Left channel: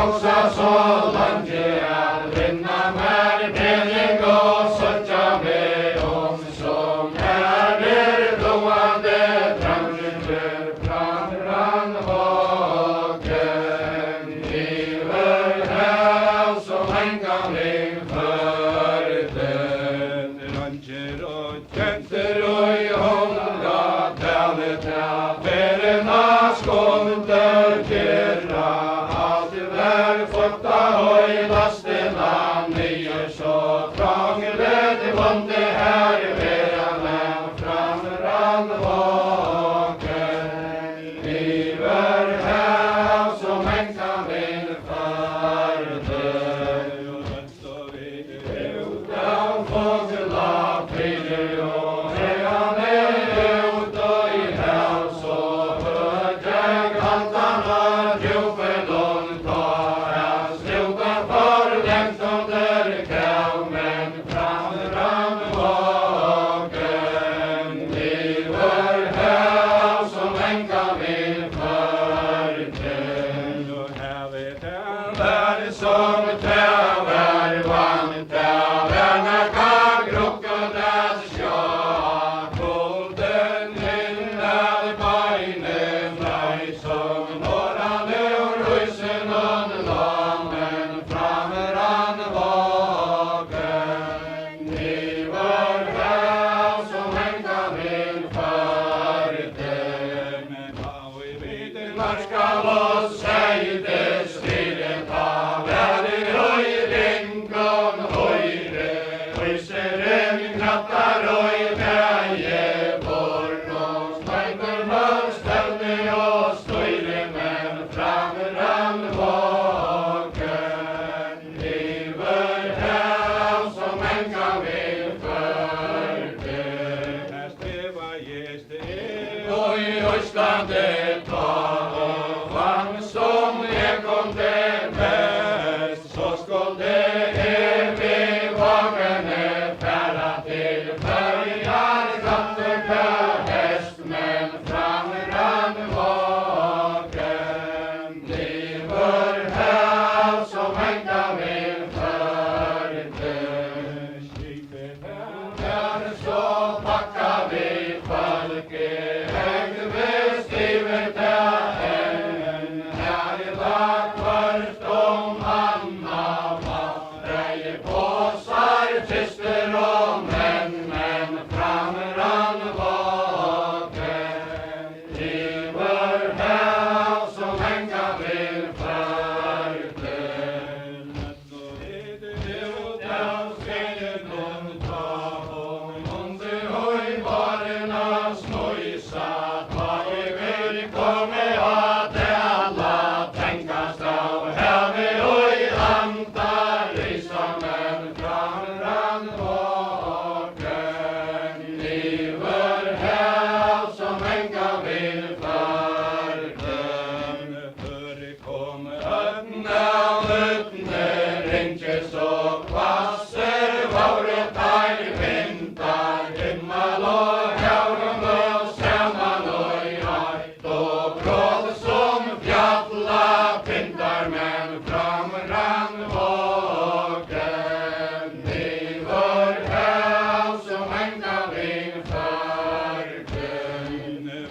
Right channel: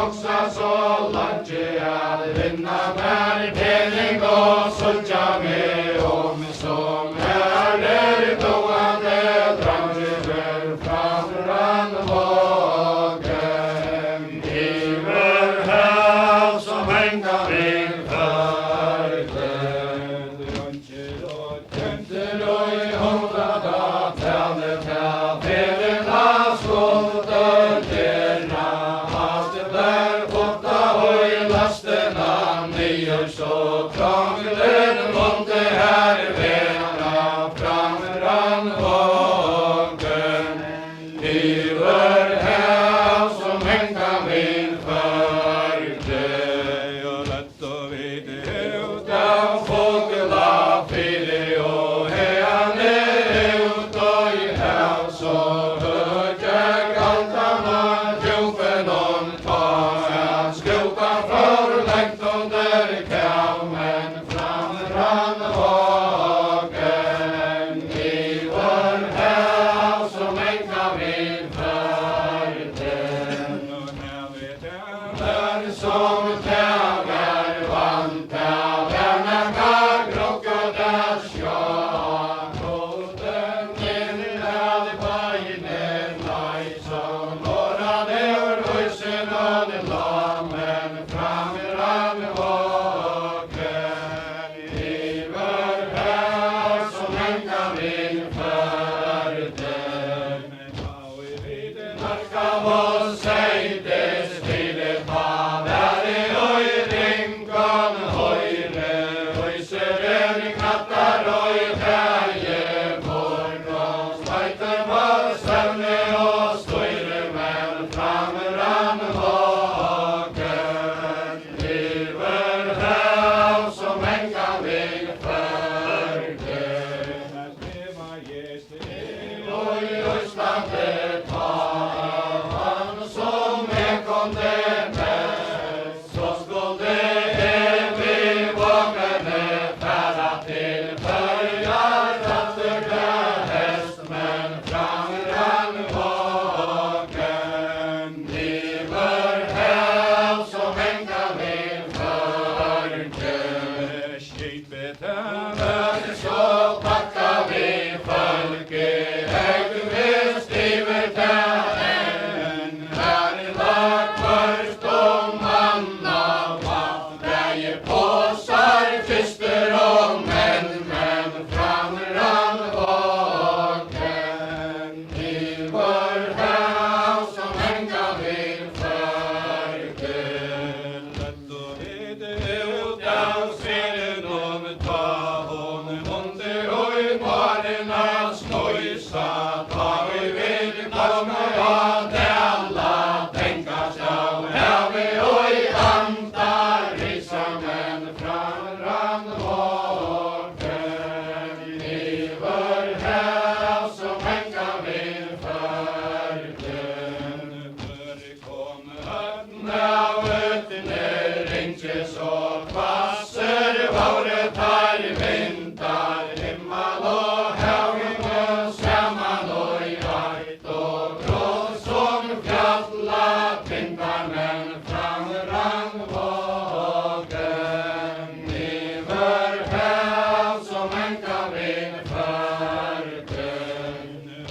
hugsa så langt at vinna mer pening og søkja meg som doande dranger framran vågen. Iver hav som enga mig förten. Dranger og tjenter og i hånda tale ferina skulder tjera. Alt der flotta høy lastena nyer så krangler vonde her vera framran vågen. Iver hav som enga min förte. Og rett og vite ut av fogla fyller og heane ut og i hav så høgjer galtana djupen om ta en skjuta for lengt under kav men framran vågen. Iver hav som enga min förte. Og havet der som täver vant av enaka krokodas ja. Kloden inn av beinen lei som norrane og ruisen og lamen framran vågen. Iver hav som enga min förte. Men hau i viden marskal og seides ville ta væri og i ringon høyre. Ruiseren krattar og i kaje borgås feiter var stevne og støyre men framran vågen. Iver hav som enga min förte. Her steva gjest og i Østlandet ta han som kom til mest, så skulle vi vågene færa til Børjar katter til hest, men framran vågen. Iver hav som enga min förte. Skipet der så pakka vi folket høgvist iver til enn. Her i lag først om manna vatt, dreie påsar, kyster og menn, men framran vågen. Iver hav som enga min förte. Lett og ride ut av svelen om ta hon under og i barena skojsa. Ta vi vil komme at alla tenkast av havi og i anta risa men framran vågen. Iver hav som enga min förte. Kom öppna fötene ringes og kvasser våre tar vintar himmel og haugen og saman og i eit og bråd som fjalla pintar men framran vågen. Iver hav som enga min förte.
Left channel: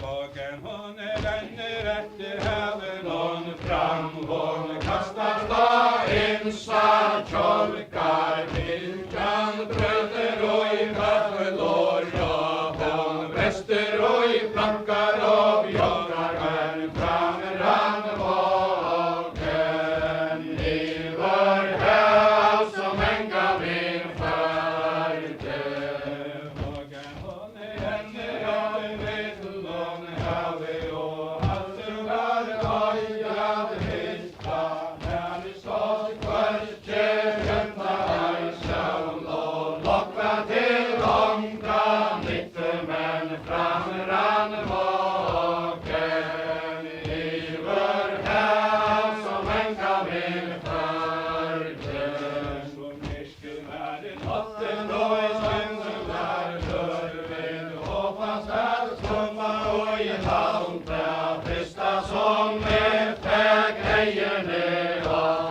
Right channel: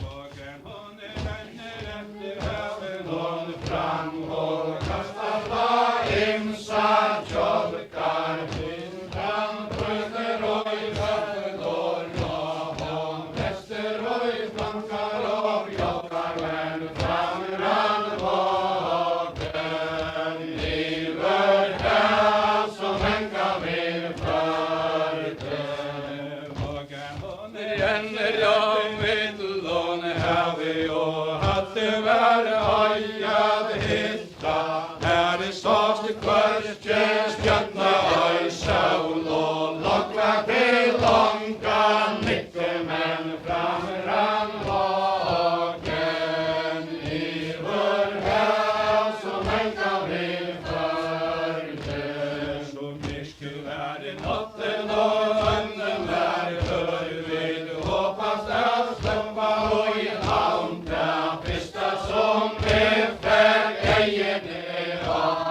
Vågen hon renner etter haven hon fram hon kastar slag insa kjolkar pinkan brønner og i vattnelår og hon vester og i flankar og joggar men framran vågen. Iver hav som enga min förte. Vågen hon renner om vittlån havi og hadde vært høyad hitta. Her i svakste kvørkje stjørna øy saul og lokva til longa nikke men framran vågen. Iver hav som enga min förte. Som misku vær i natten og sønnen vær hør vid håpans at slumma og i havn ta pista som vi fæg eierne av.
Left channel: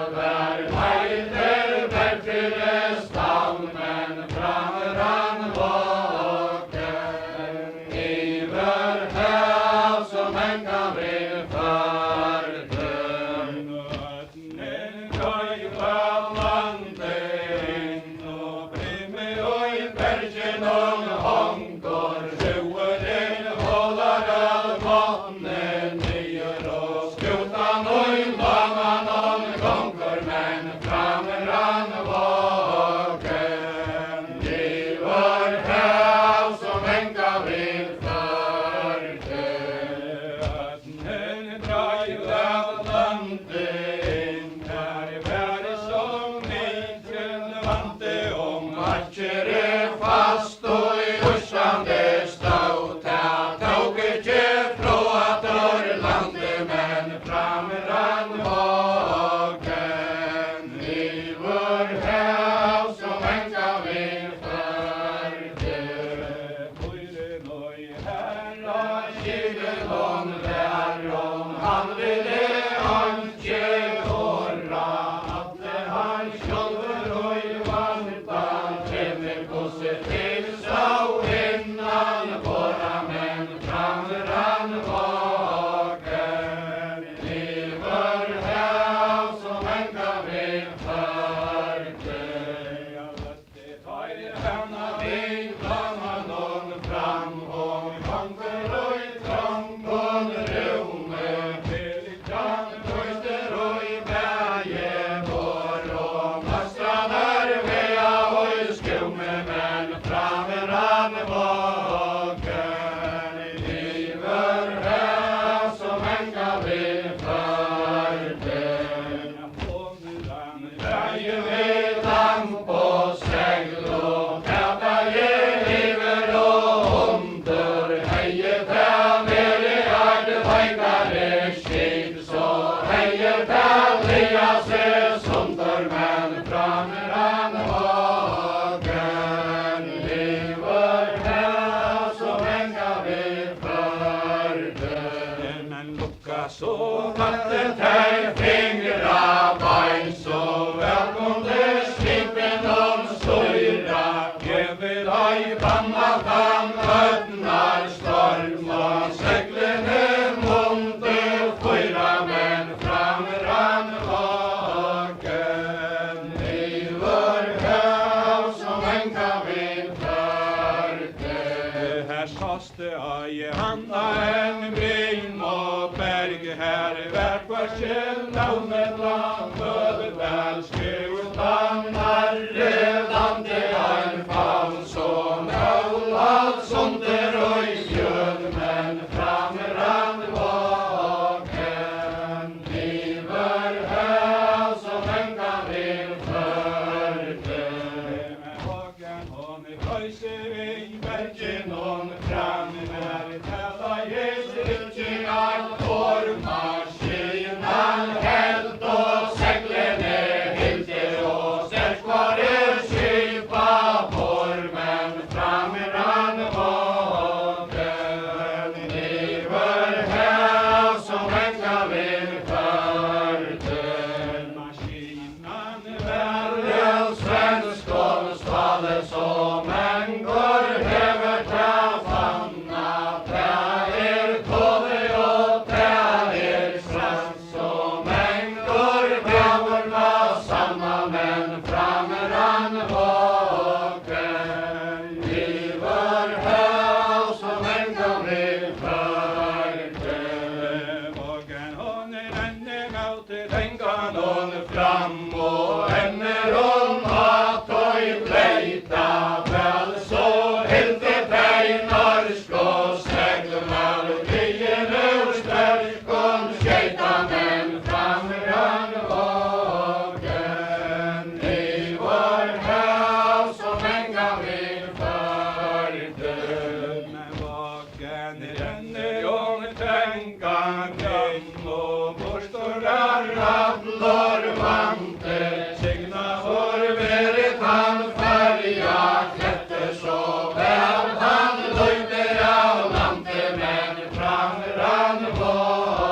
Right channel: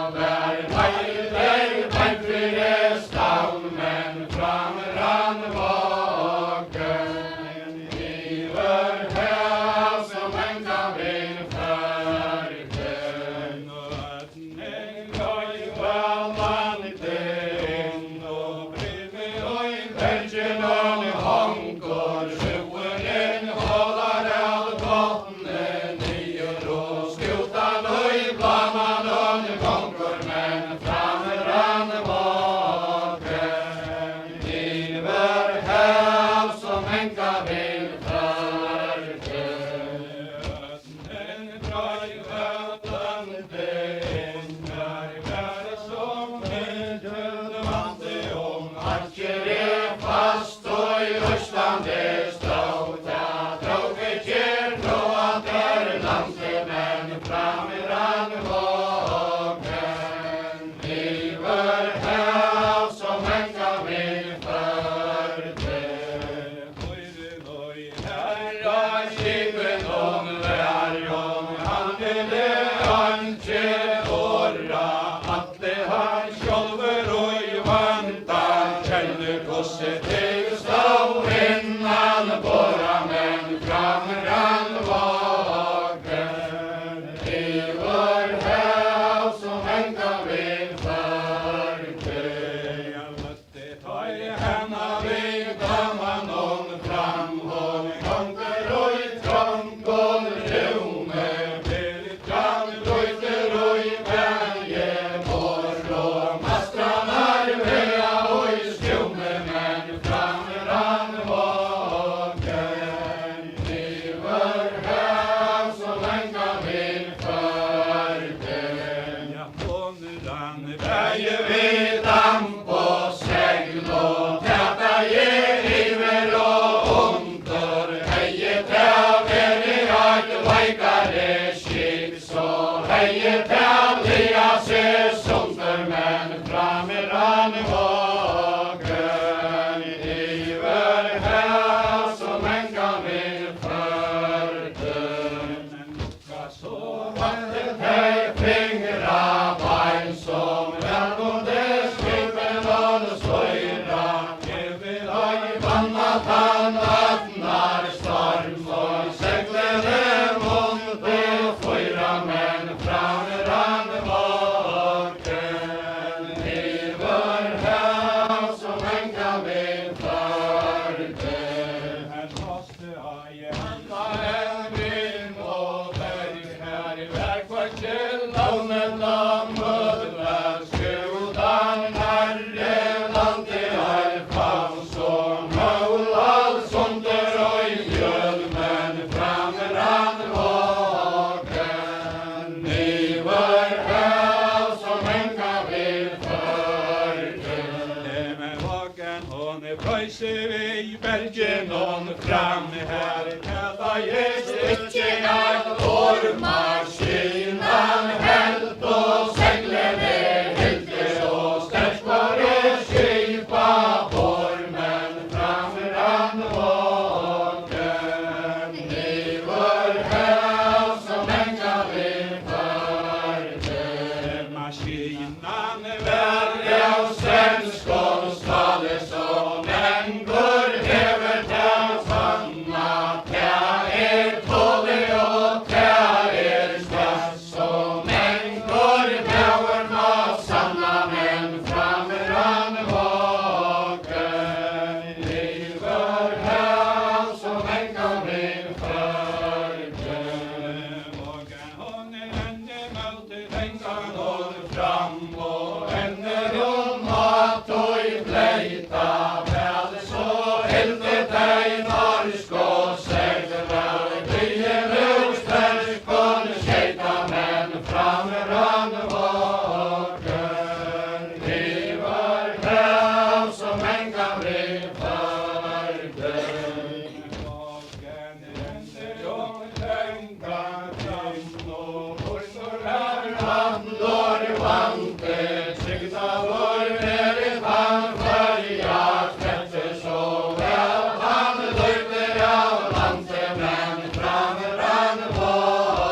vante, signa vår verit han färja, klätte så väl han löjder av landet, men framrann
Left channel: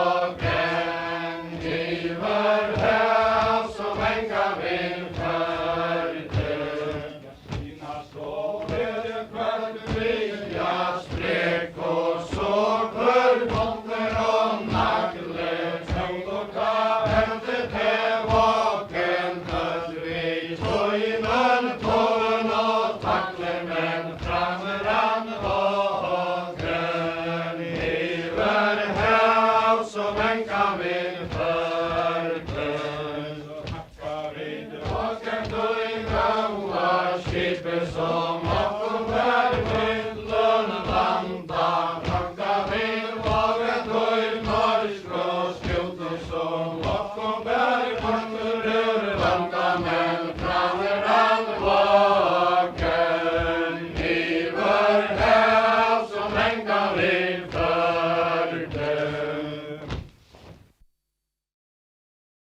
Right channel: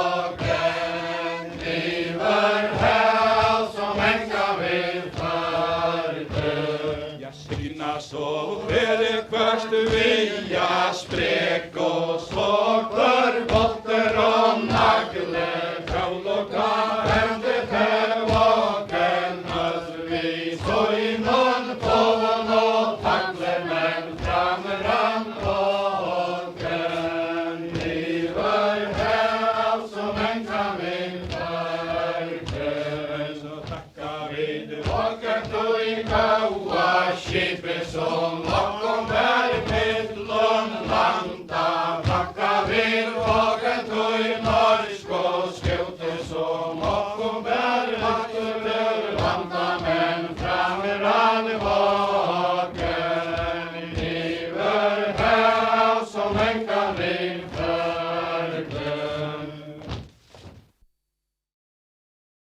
vågen, iver häl som hänga vid färden. Jag syna så skedet först via spräck och såg för botter och nagle, kravl och karente till vaken, hörs vi så innan tålen och tackle, men framrann vågen, iver häl som hänga vid färden. Så tackar vi tillbaka till goa skipet som bakom bär mittlån landa, tackar vi tillbaka till norsk och skjuter som bakom bär vatten